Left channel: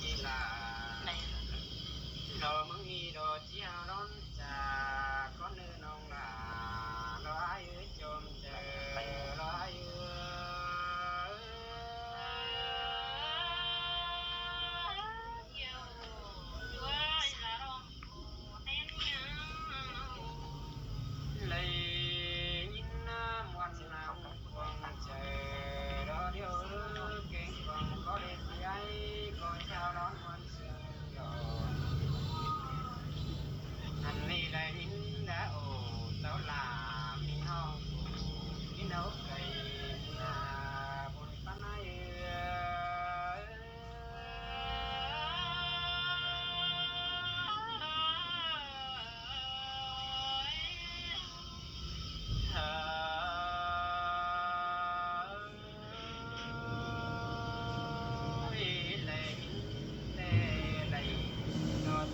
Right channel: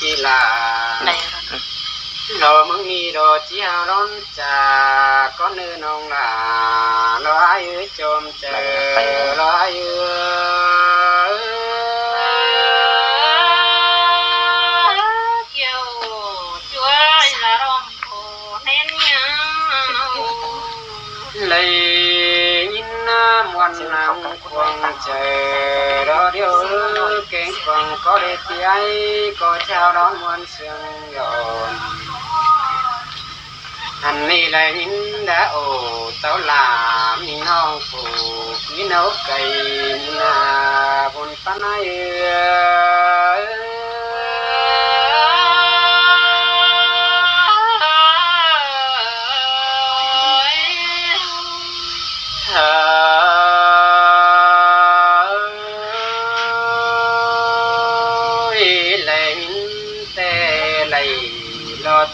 ปีลารอมึงมีรอเจียวร้อนจากก็เนื้อน้องลารออายุจมเจอรออายุเลยยินน้ำวันน้ำควงเจอรอเดียวเก่งควงก็ได้ที่ไอ้ก็เช้าร้อนวันเสียงหย่อนอันนี้เลยยินดาโอเต้าลามีน้องผูมีนกไก่มีนาบนปนาย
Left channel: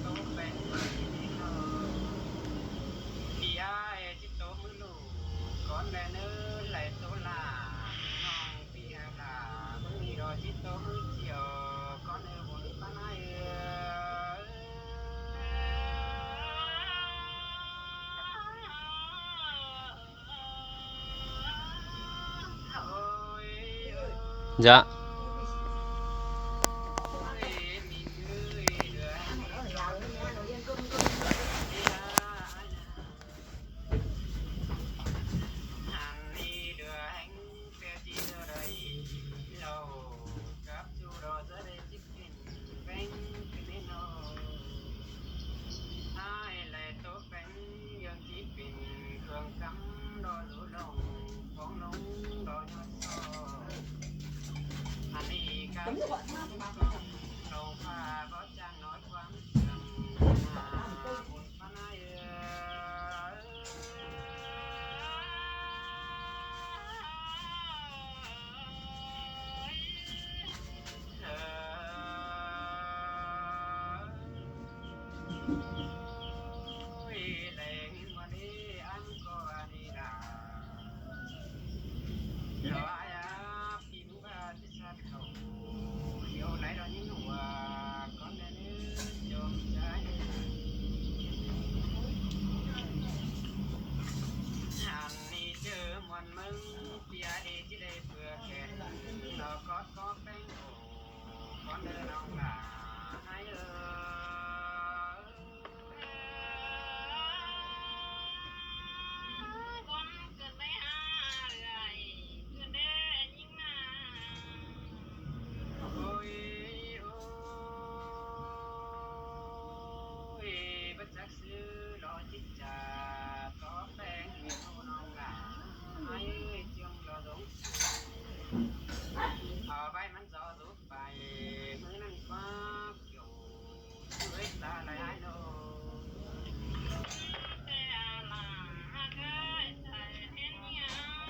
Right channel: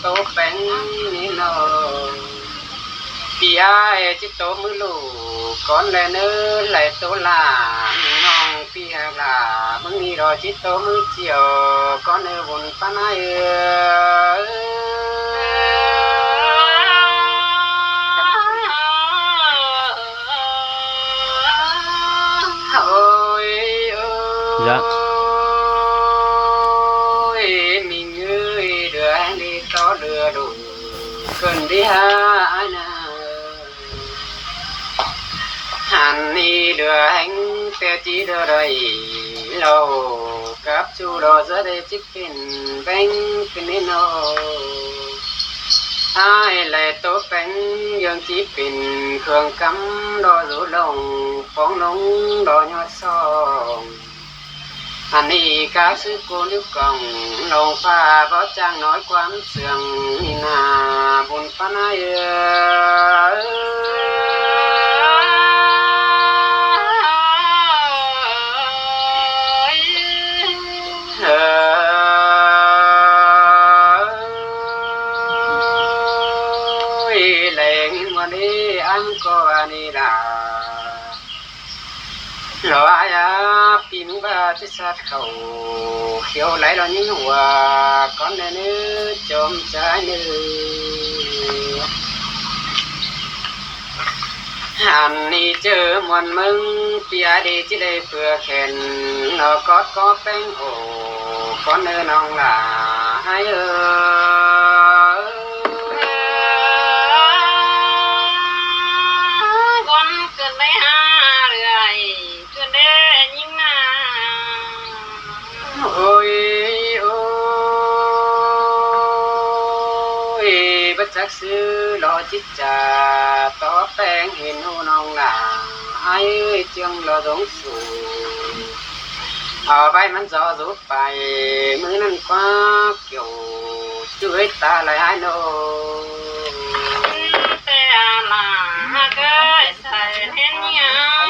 โตเป็นนี่นอพี่ไอ้จิตโตมือลูกก่อนเลยเนื้อไหลโตลาน้องพี่ฮากลามึงนี่รอจิตโตมือเจียวก่อนเนื้อบนปนายโอ้ยจ้ะคนที่หานาหันนี่เดือแห่งเปียจีเดือไรเรากับชูเราจะได้จิกเป็นแบงเป็นนิโนไอ้เลยโตเป็นยังจีเป็นเครื่องกำรอรูลงฟองลงรอยอดซองอันนี้กาซื้อกูนิ้วกล่องลงฟ้าเพราะจ้างน้อยความเสื่องนาบุญปนายแหล่งวันนี้อันก็อันนี้ล่ะรออาญาปีนุบาที่สัตว์เขาเขียวไหลเรายิ่งหัวก้อนเนื้อจมใจเนื้อหันนี่เจอมวนมึงปีอาดีที่ได้เพื่อแขนเราก็เป็นโอ้ก้อนเนื้อน้องหลาให้โอ้ยบัดจักซื้อรอจิตจ่าต่อแป้งเห็นหูน้องหนาไอ้เจียงรอสงสูเอาไปมันจะรุดไปมือนั่นคว้าเกี่ยวช่วยตาไหลไอ้โนแต่ลาเกยใส่เห็นยัง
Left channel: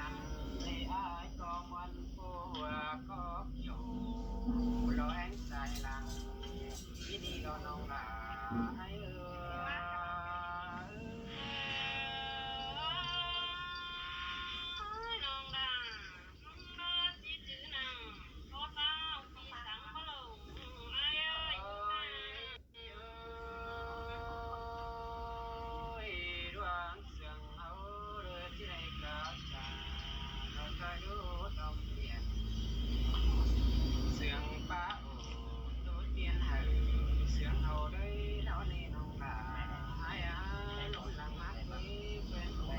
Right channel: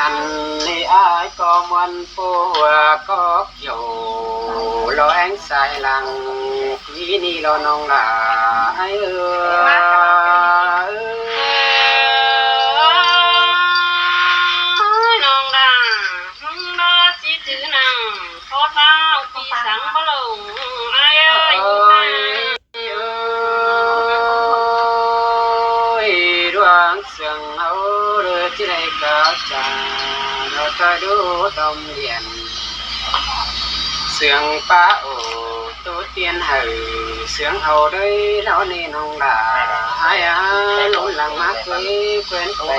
อันนี้ไอ้ก็มันปัวก็เกี่ยวรอแองสายหลังพี่นี่รอน้องหลาไอ้น้องหลามึงรอจิตนังพอเท้าปีสังพลงไอ้ดวงเสียงเอาเรือที่ได้ก้าวจาเราเคยดูตอมเรียนเสียงป้าโอ้ตัวเตียนเหยเสียงเอาด้วยแล้วนี่น้องหลาไอ้ลุหลังมาเคยเพื่อนไป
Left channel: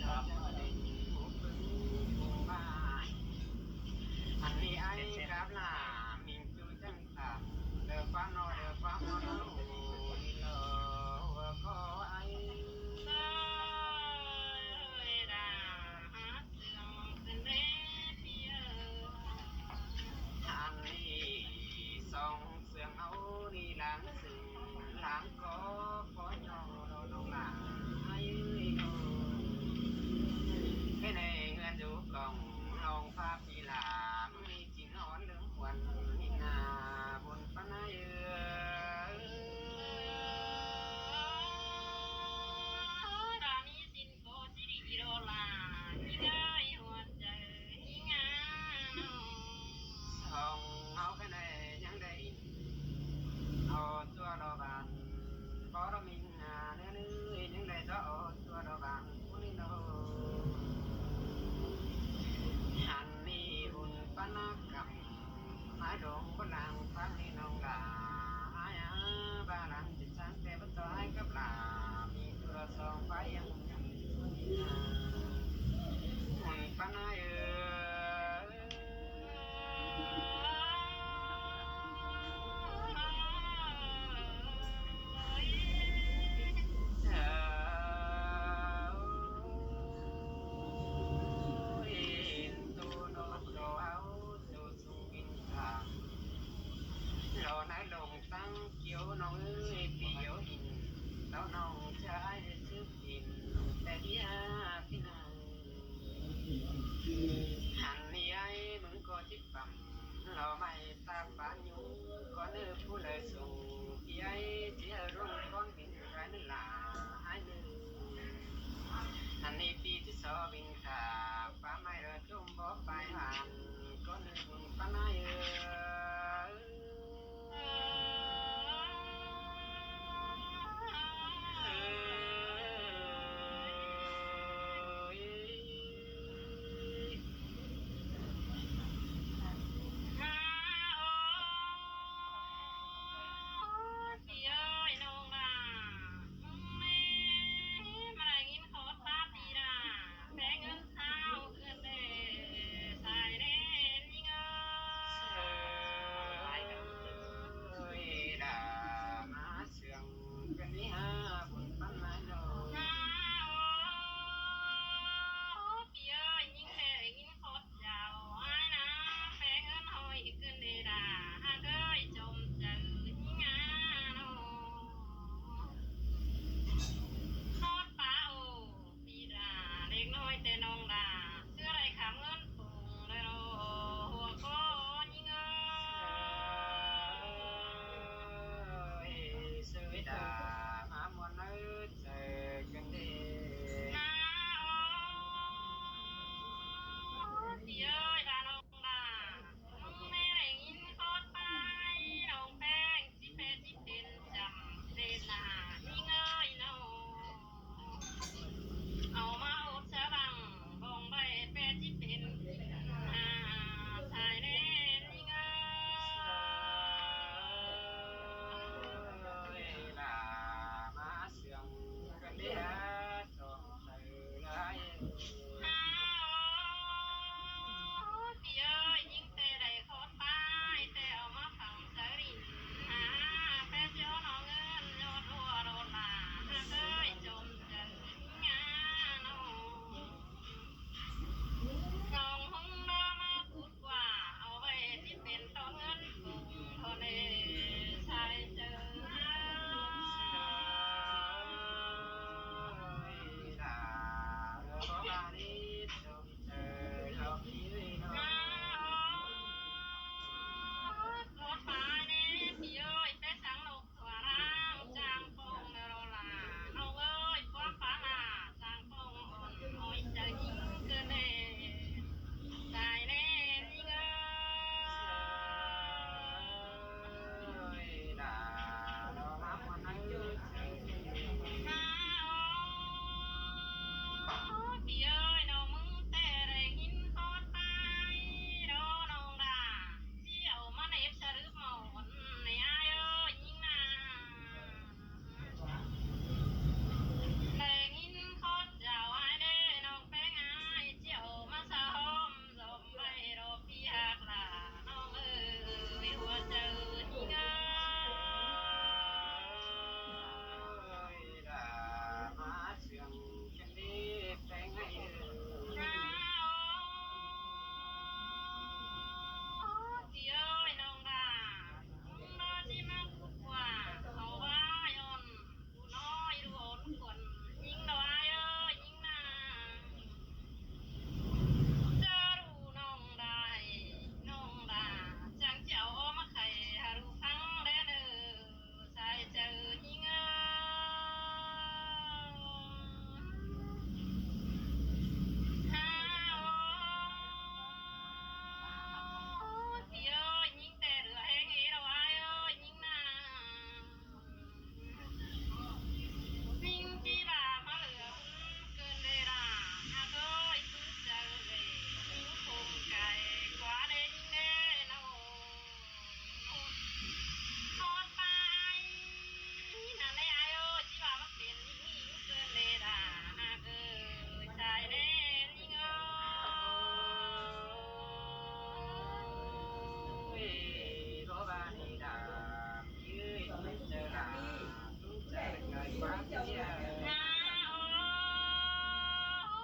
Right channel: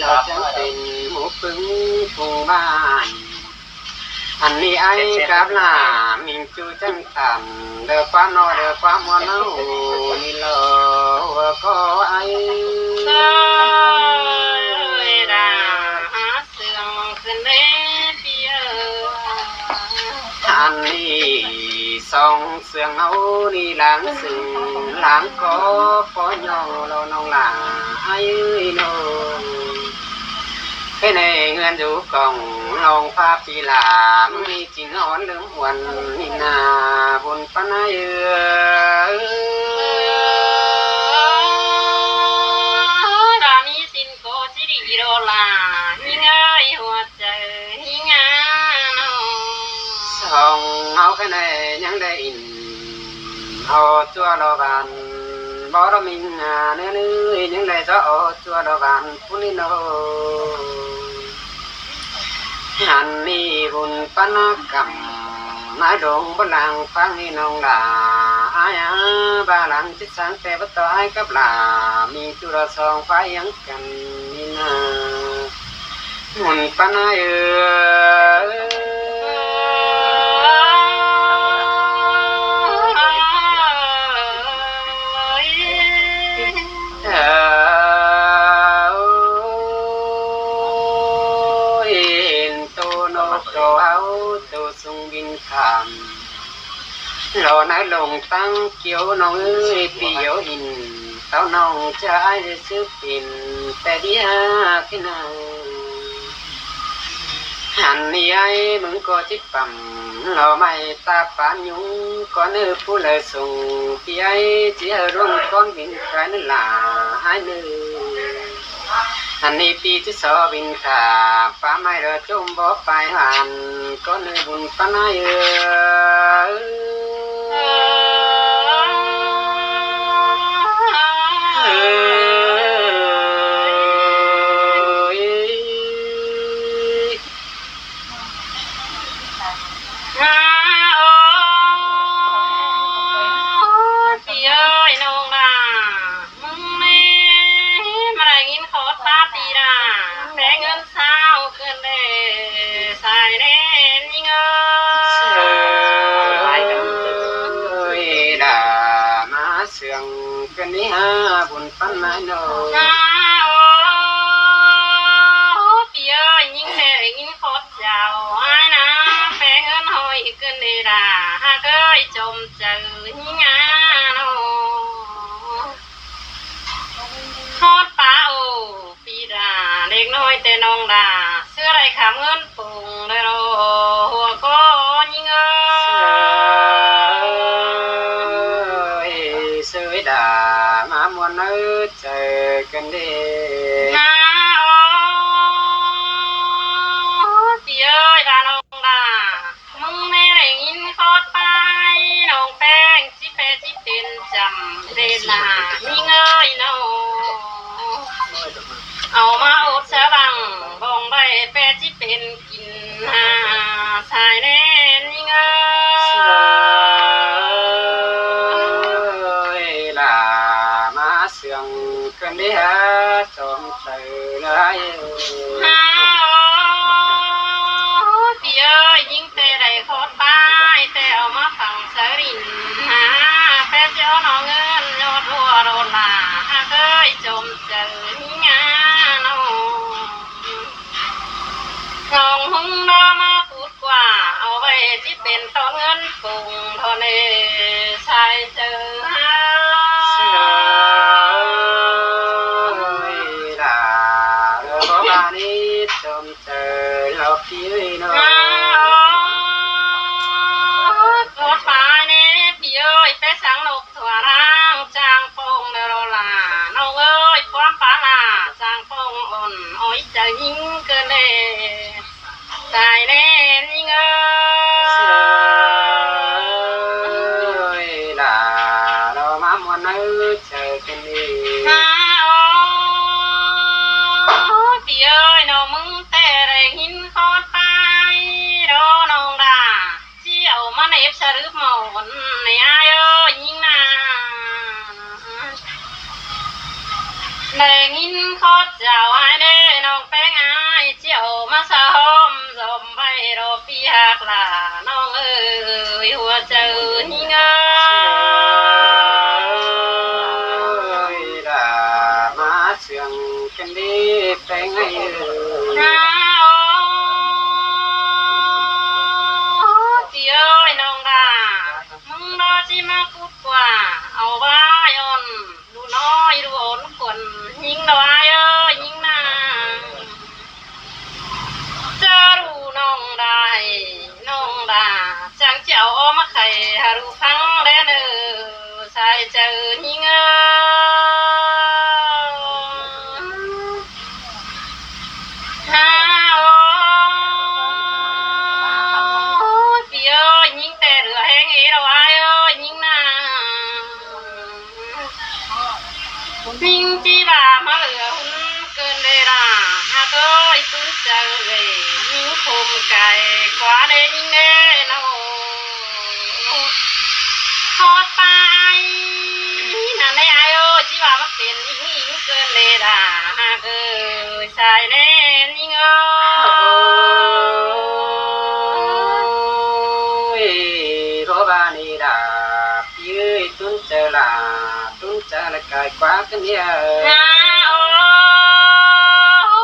เราจะเป็นหมูปึ้งทุ่งบ้านอันนี้ไอ้กับลามิงจูจังต่ำเดือความนอเดือความมัวเน่านี่เราก็ไอ้อันนี้สองเสียงเอานี่หลังซึ่งหลังก็ปอยองเราน้องหลาไอ้โนให้ในเงินอยู่กล่องลองภาพปีหลามมีจริงอ่อนเรื่องหวนนี่นาบนปนายรานีสินโกจิริโรลายิ่งไอหัวใจยิ่ง สอ lòng áo cái này nhắn đây in họ chua lo bàn bỏ đó mình nữa nữa những đây gió chua lo bàn phun đi nó hàn mi bùn pan cầm mái đồng bất làng phang đi nông là ai ba làng chết sáng te bất to ai cấp là mi chu ra song phái yang cần mi na bùn pan ai lò nái lồng tăng kiều nong ơi piêu in tao nong trái sức inแต่เดียขึ้นหันนี่ไอ้มึงก็จิตปั๊มหล่อไม่ตาปานยุงก็เนื้อผู้เลยส่งพี่ไอ้เจียรุ่งก้อนบินใครนั่นล่ะไอ้เนื้อหันนี่ปีที่สอบินขาป้าไม่เรือจมบ่ไปหันก็เนื้อบุญป้าน้อยนี่ฮะบุญปั้นนายโนพี่เอ้ยยิ่งแน่ยิ่งโคตรเจ้าไอ้นะแฝงเงินหอยขึ้นนี่ด่าหากเคยจมเจอยิ่งงาโนโคตรป้าโอพี่ด่าเด็กน้อยแต่น้องด่าเสื้อไรขามเงินปุ่งเลยโรหัวก็ยิ่งเสื้อด่ามันเออเจอกันดีน้าโอ้พี่เอ้ยพาน้องด่ามึงไม่ได้ยินโคตรไปน้องแป้งจิเปจิเป็นจำเรนามีเงยโนเอามาอดสะบังบองใบแปจิเป็นกินหาสายแน่มีเงกันดีฮะจอมใจเลยพี่เอ้ยยิ่งแต่ได้โคตรป้ายแต่เอามาฝังสรินฮะแปเจ้าน้องเงินยอดรัวโดนลาเคยจมเจอนี่งานลองหงดอมาพูดกว่าเอาไว้ที่เป็นต้นเงินปุ่งทอเลใส่เจอพี่น้องรถไฟเนี่ยพี่เอ้ยไปสังนกถั่วร่างจางปงเดรลาน้องเอ้ยความปลาลาจางปงอ่อนอ้อยจะยิงเกินเลยตายแน่ยิงเอ้ยล่ะเรามาหมดนึกเจอกันดีพี่เอ้ยน้องมึงแต่ได้หินคอดไปโดนองด่าเจียวมาเนบสรึปหมอนในอายเอ้ยยิงนาได้หินคอดเจ้าไอ้เด้น้องแป้งอายเจียวมาสะหอมสมไปรอพี่หักล่ะน้องเอ้ยหัวเจอยิงเอ้ยด่ามาเสียงกันดีแป้งไอ้พี่เอ้ยน้องด่ามึงโด ยโรบานีดายืยตุนเจลาตุนเจลกายกว่ากันเนี่ยโอ้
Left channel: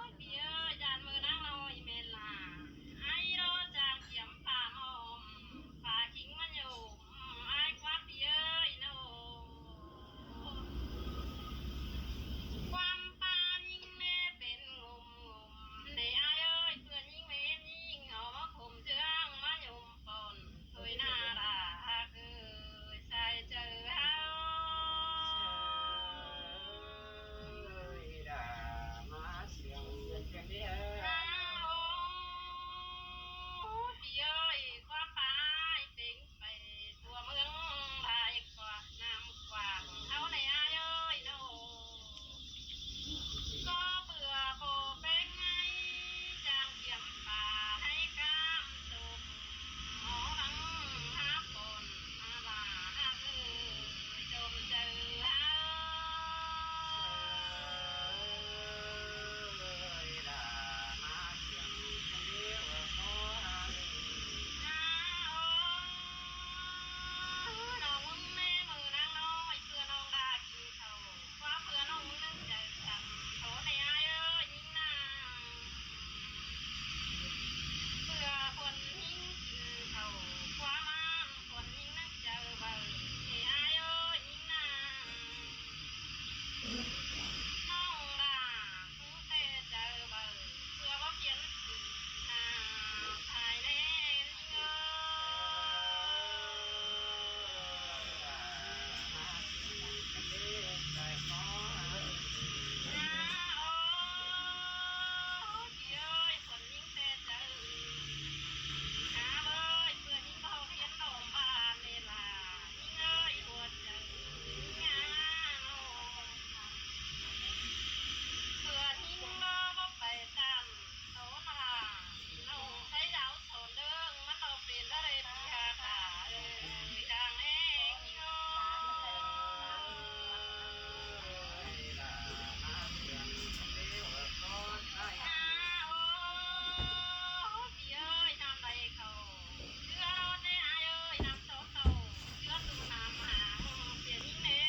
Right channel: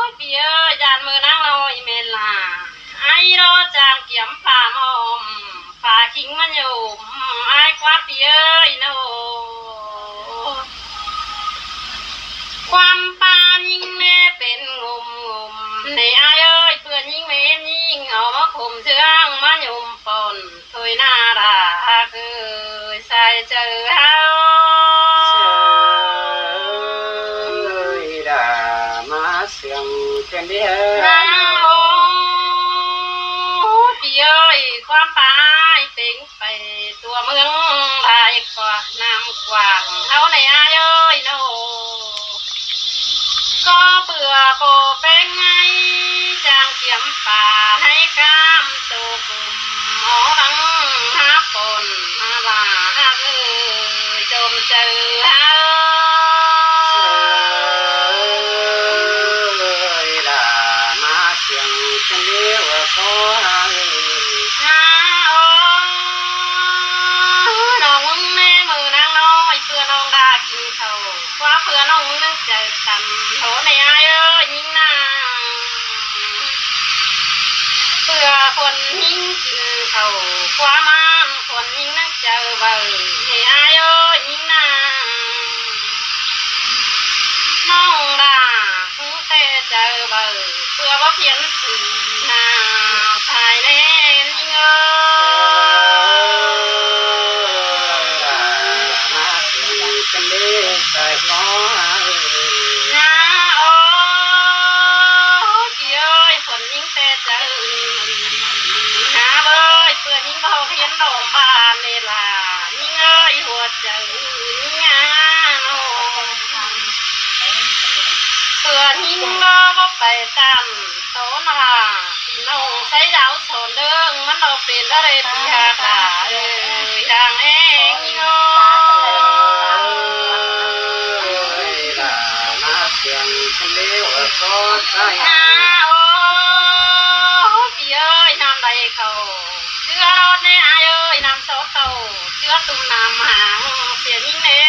ยเปียจานมือนั่งลอยเมลาไอ้รอจางเกี่ยมป่ามอมป่าคิงมันอยู่ไอ้กว่าเปียอีโนความปานยิงแม่เป็นงมในอายเอ้ยเพื่อนยิงเมนยิงเอามาข่มเชืองมาหยุ่มปนถอยหน้าด่าคือใส่เจอเฮาดามาเสียงกันเดียพี่เอ้ยความปายเต็งไปตัวเมืองไทยกว่าน้ำกว้างเฮาในอายเอ้ยโนก็เบื่อโปเป็นไงจางเขียมป่าให้กามตุกหมอหังหาปนหาลาเอ้ยจมเจอเฮาดามาเสียงกันเดียวขอน้องแม่มือนางน้อยเพื่อน้องดากินเขาว่าเพื่อน้องนึกเจอกันโถในอายเอ้ยยิ่งนางเพื่อคนยิ่งกินเขาความมันคนยิ่งนึกเจอเบอในอายเอ้ยยิ่งนางน้องดาเพิ่งแต่เจอเบอเพื่อว่าเพียนสีนาภายในยิ่งเอ้กันเดียใส่ขอโอ้พี่เอ้ยคนยิ่งแต่เจอหาเบ้ยเพื่อนยิ่งเบาเพียนดอกบานเนล่ะยิ่งเอ้ยหัวใจยิ่งงาโนเพื่อนยิ่งรอว่าไปตามโตนาพี่น้องใช้ดาวโซนเดิงมันเอาเป็นอะไรพี่ฮาตาอย่างเองยิ่งโอ้เสียงกันเดียวขอใจโอ้พี่เอ้ยน้ำใดเขาเชื่อรถในอายเอ้ยน้ำโซเขาเชื่อตุ้มน้ำหางเสียยิ่งเน่